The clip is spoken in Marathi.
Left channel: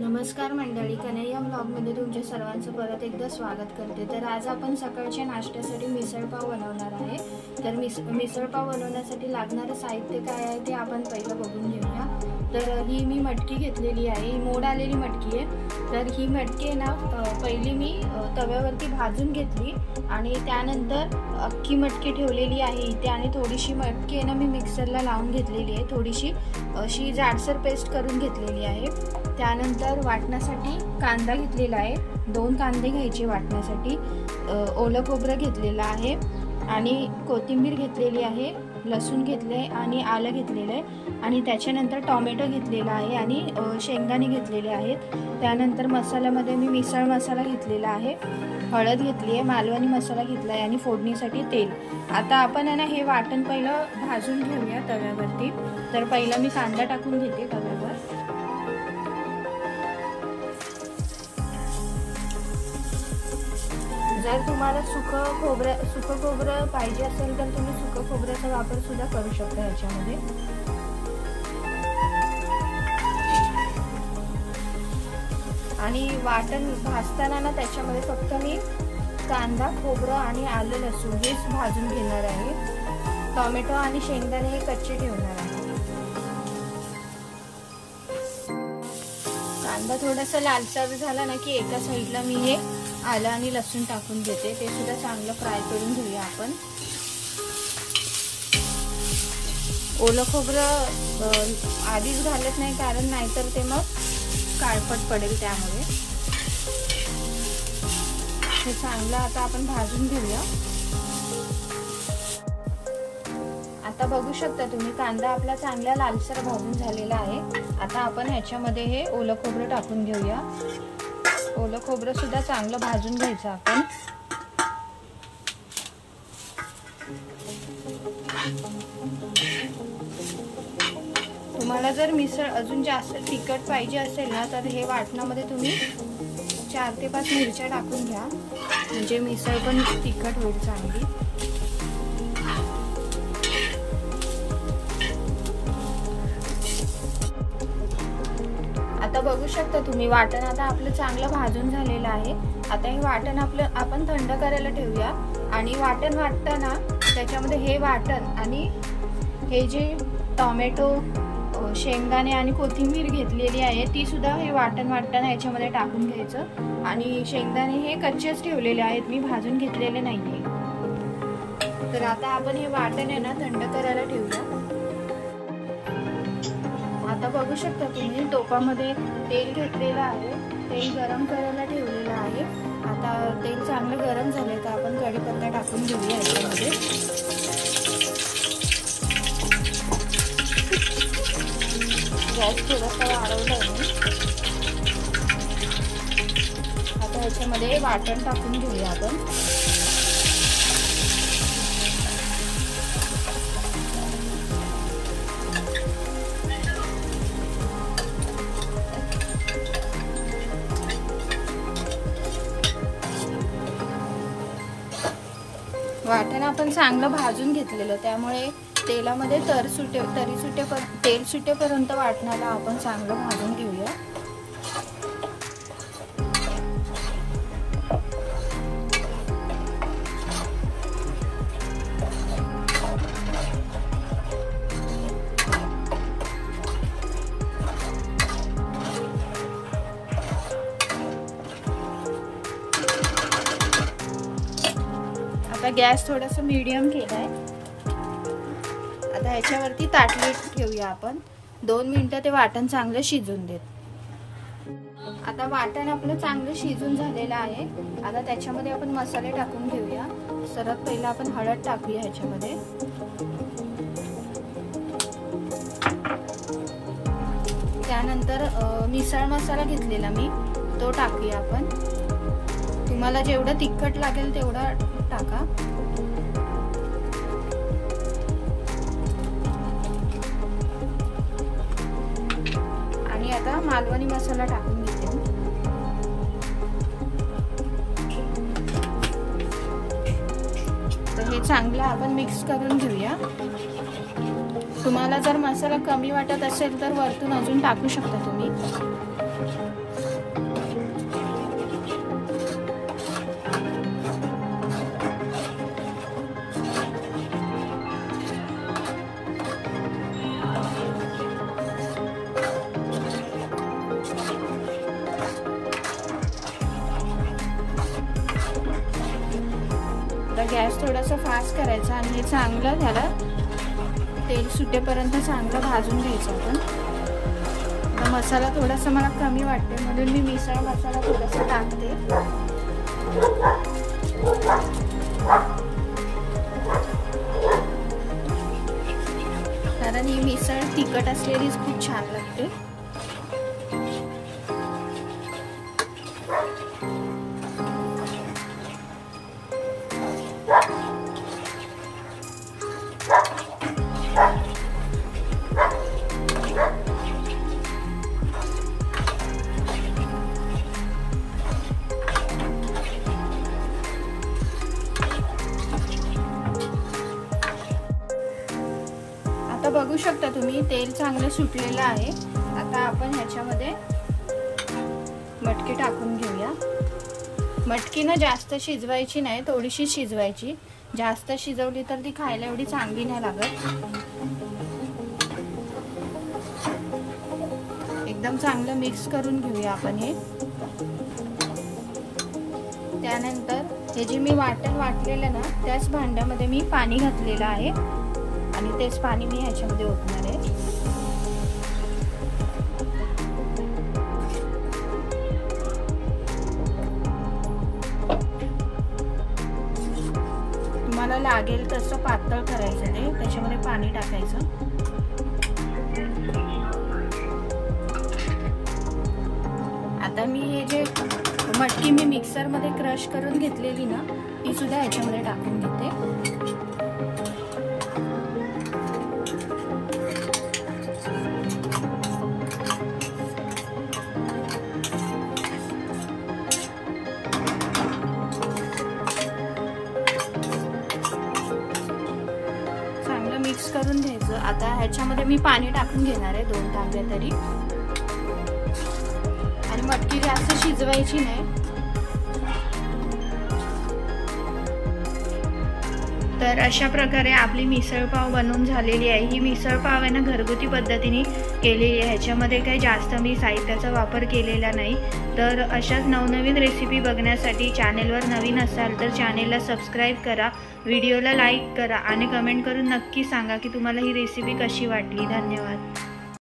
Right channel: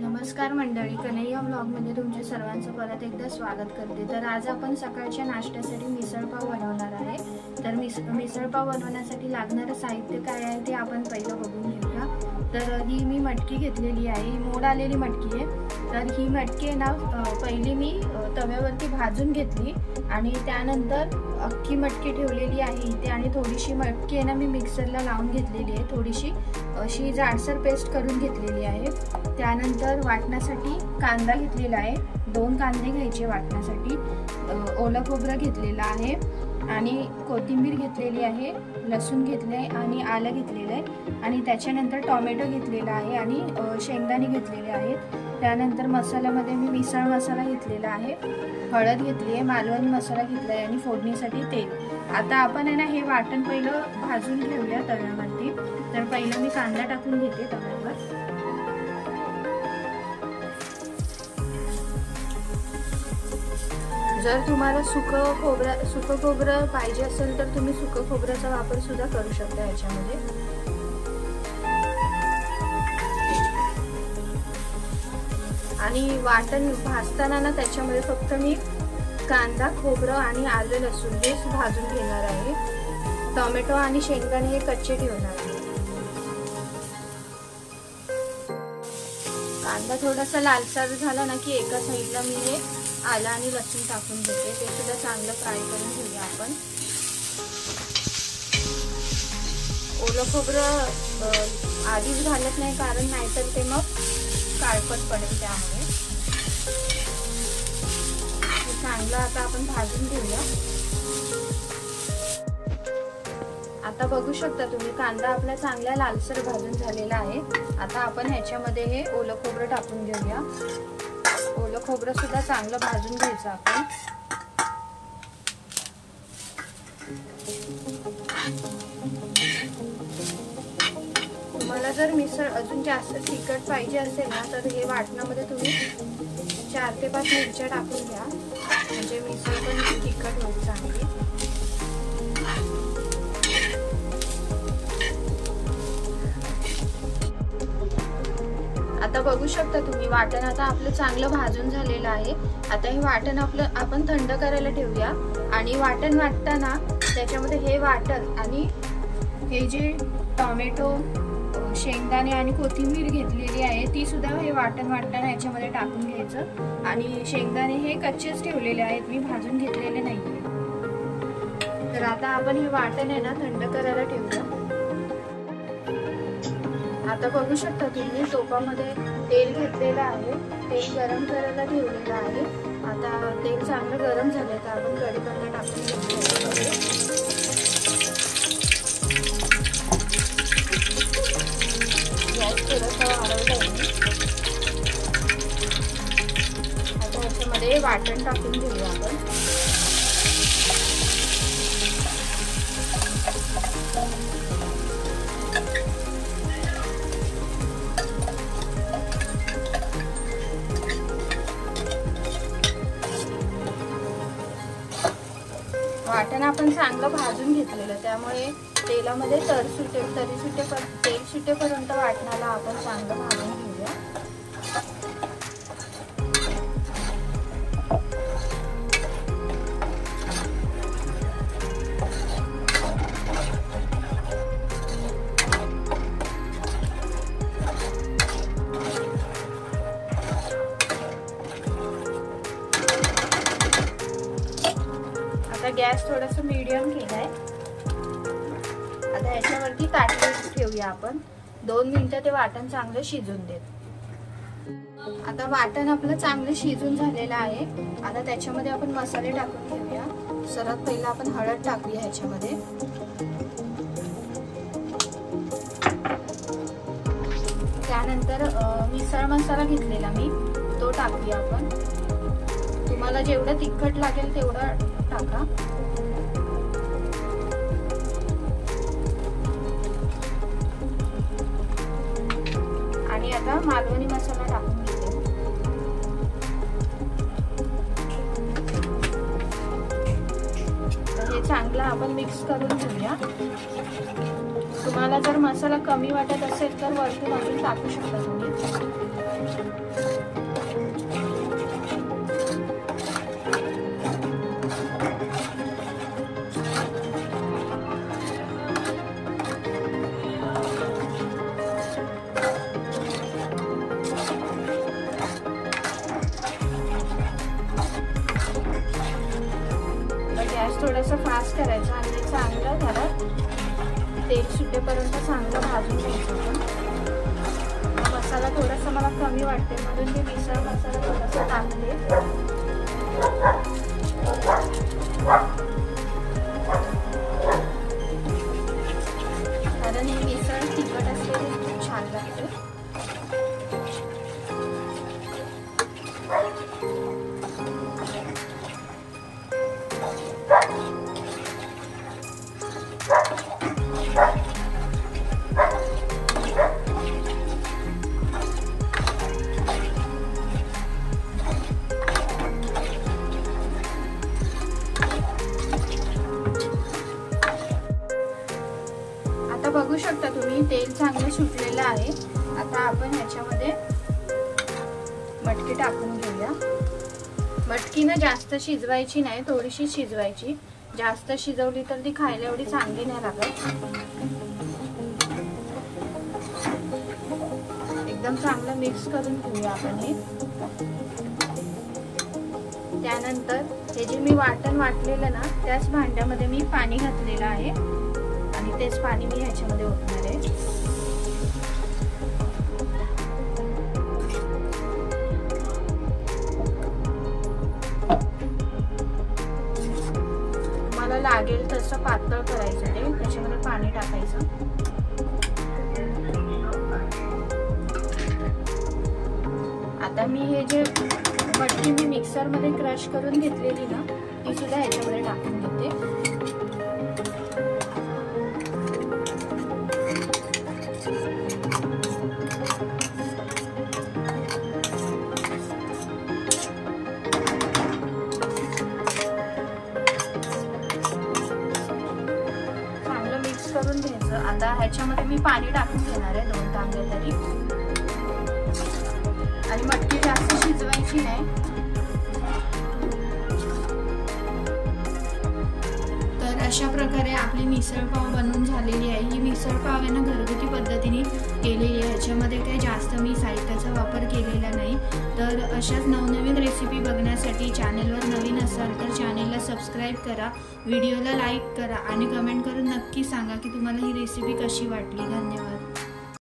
नमस्कार मंडळी, कन्हैया ब्लॉगमध्ये तुमच्या सर्वांचं परत एकदा स्वागत करते। तर आज आपण सकाळच्या नाश्त्यासाठी मिसळपाव बनवणार आहे। तर मिसळपाव बनवण्यासाठी लागणारे साहित्य काय आहे ते आपण पहिलं बघून घेऊया। तर ही मी मटकी घेतलेली आहे, ही मोड आलेली मटकी आहे। तर ही मटकी ना पहिली मी तव्यावरती भाजून घेतली आणि त्यानंतर अख्खी मटकी ठेवलेली आहे इथे आणि थोडीशी मटकी आहे ना मी मिक्सरला लावून घेतलेली आहे, थोडीशी अशी जाडसर पेस्ट करून घेतलेली आहे। त्यानंतर वाटण्यासाठी कांदा घेतलेला आहे, 2 कांदे घ्यायचे वाटण्यासाठी, ओलं खोबरं घेतलेलं आहे आणि कोथिंबीर घेतलेली आहे, लसूण घेतले आणि आलं घेतलेलं आहे आणि त्याच्यानंतर टोमॅटो घेतलेला आहे आणि शेंगदाणे घेतलेले आहेत। त्यानंतर मसाल्यामध्ये मी मिसळ मसाला घेतलेला आहे, हळद घेतली आहे, मालवणी मसाला घेतला आहे आणि फोडणीसाठी तेल। आता आपण आहे ना हे वाटण पहिलं भाजून घेऊया तव्यावरती। तर पहिला मी कांदा टाकून घेते तव्यावर। जर तुम्हाला सुकं खोबरं पाहिजे असेल तर तुम्ही सुकं खोबऱ्याचा वापर सुद्धा करू शकता याच्यामध्ये। आणि वाटण भाजताना ना त्याच्यामध्ये फक्त मी कांदा, खोबरं आणि आलं लसूण हेच भाजून घेणार आहे। टोमॅटो आणि शेंगदाणे हे कच्चे ठेवणार आहे। कांदा थोडासा लालसर झाला ना की एका साईडला मी हे आलं आणि लसूण टाकून घेते, ते सुद्धा चांगलं फ्राय करून घेऊया आपण। ओलं खोबरं आधीच घालत नाही कारण नाहीतर ते मग काळपट पडेल, त्यामुळे हे चांगलं आता आपण भाजून घेऊया। आता बघू शकता तुम्ही कांदा आपला चांगला लालसर भाजून झालेला आहे। आता आपण ह्याच्यामध्ये हे ओलं खोबरं टाकून घेऊया। ओलं खोबरं सुद्धा चांगलं भाजून घ्यायचं आपण। तुम्हाला जर मिसळ अजून जास्त तिखट पाहिजे असेल ना तर हे वाटणामध्ये तुम्ही 4 ते 5 मिरच्या टाकून घ्या, म्हणजे मिसळ पण तिखट होईल चांगली। आता बघू शकता तुम्ही वाटण आता आपलं चांगलं भाजून झालेलं आहे। आता हे वाटण आपण थंड करायला ठेवूया आणि वाटण वाटताना त्याच्यामध्ये हे वाटण आणि हे जे टोमॅटो, शेंगदाणे आणि कोथिंबीर घेतलेली आहे ती सुद्धा हे वाटण वाटताना याच्यामध्ये टाकून घ्यायचं। आणि शेंगदाणे हे कच्चेच ठेवलेले आहेत, मी भाजून घेतलेले नाहीये। तर आता आपण हे वाटण आहे ना थंड करायला ठेवूया। आता बघू शकता तुम्ही टोपामध्ये तेल घेतलेलं आहे, तेल गरम करायला ठेवलेलं आहे। आता तेल चांगलं गरम झालं तर आपण कढीपत्ता टाकून घेऊया याच्यामध्ये। आता याच्यामध्ये वाटण टाकून घेऊया आपण। वाटण आपण चांगलं भाजून घेतलेलं, त्यामुळे तेलामध्ये तेल सुटेपर्यंत वाटणाला आपण चांगलं भाजून घेऊया। आता गॅस थोडासा मीडियम केलाय। आता ह्याच्यावरती ताटली ठेवूया आपण, 2 मिनिटं ते वाटण चांगलं शिजून देत। आता वाटण आपलं चांगलं शिजून झालेलं आहे। आता त्याच्यामध्ये आपण मसाले टाकून घेऊया। सर्वात पहिला आपण हळद टाकूया ह्याच्यामध्ये, त्यानंतर मिसळ मसाला घेतलेला मी तो टाकूया आपण। तुम्हाला जेवढं तिखट लागेल तेवढा टाका। आणि आता मालवणी मसाला टाकून घेते। तर हे चांगलं आपण मिक्स करून घेऊया। तुम्हाला जर मसाला कमी वाटत असेल तर वरतून अजून टाकू शकता तुम्ही। तेल सुटेपर्यंत चांगलं भाजून घ्यायचं होतं। मसाला थोडासा मला कमी वाटते म्हणून मी मिसळ मसाला थोडासा टाकते। कारण ही मिसळ तिखट असलेलीच खूप छान लागते। बघू शकता तुम्ही तेल चांगले सुटलेलं आहे। आता आपण ह्याच्यामध्ये मटकी टाकून घेऊया। मटकी ना जास्त शिजवायची नाही, थोडीशी शिजवायची। जास्त शिजवली तर ती खायला एवढी चांगली नाही लागत। एकदम चांगलं मिक्स करून घेऊया आपण हे। त्यानंतर हे जे मी वाटण वाटलेलं ना त्याच भांड्यामध्ये मी पाणी घातलेलं आहे आणि तेच पाणी मी ह्याच्यामध्ये ओतणार आहे। तुम्हाला लागेल तसं पातळ करायचं आहे, त्याच्यामध्ये पाणी टाकायचं। आता मी हे जे मटकी मी मिक्सर मध्ये क्रश करून घेतलेली ना ती सुद्धा ह्याच्यामध्ये टाकून घेते। करून घ्यायचं। आता ह्याच्यामध्ये मी पाणी टाकून घेणार आहे 2 तांब्या तरी, आणि मटकी जास्त शिजवायची नाही। तर अशा प्रकारे आपली मिसळ पाव बनवून झालेली आहे। ही मिसळ पाव आहे ना घरगुती पद्धतीने केलेली आहे, ह्याच्यामध्ये काही जास्त मी साहित्याचा वापर केलेला नाही। तर अशाच नवनवीन रेसिपी बघण्यासाठी चॅनेलवर नवीन असाल तर चॅनेलला सबस्क्राईब करा, व्हिडिओला लाईक करा आणि कमेंट करून नक्की सांगा की तुम्हाला ही रेसिपी कशी वाटली। धन्यवाद।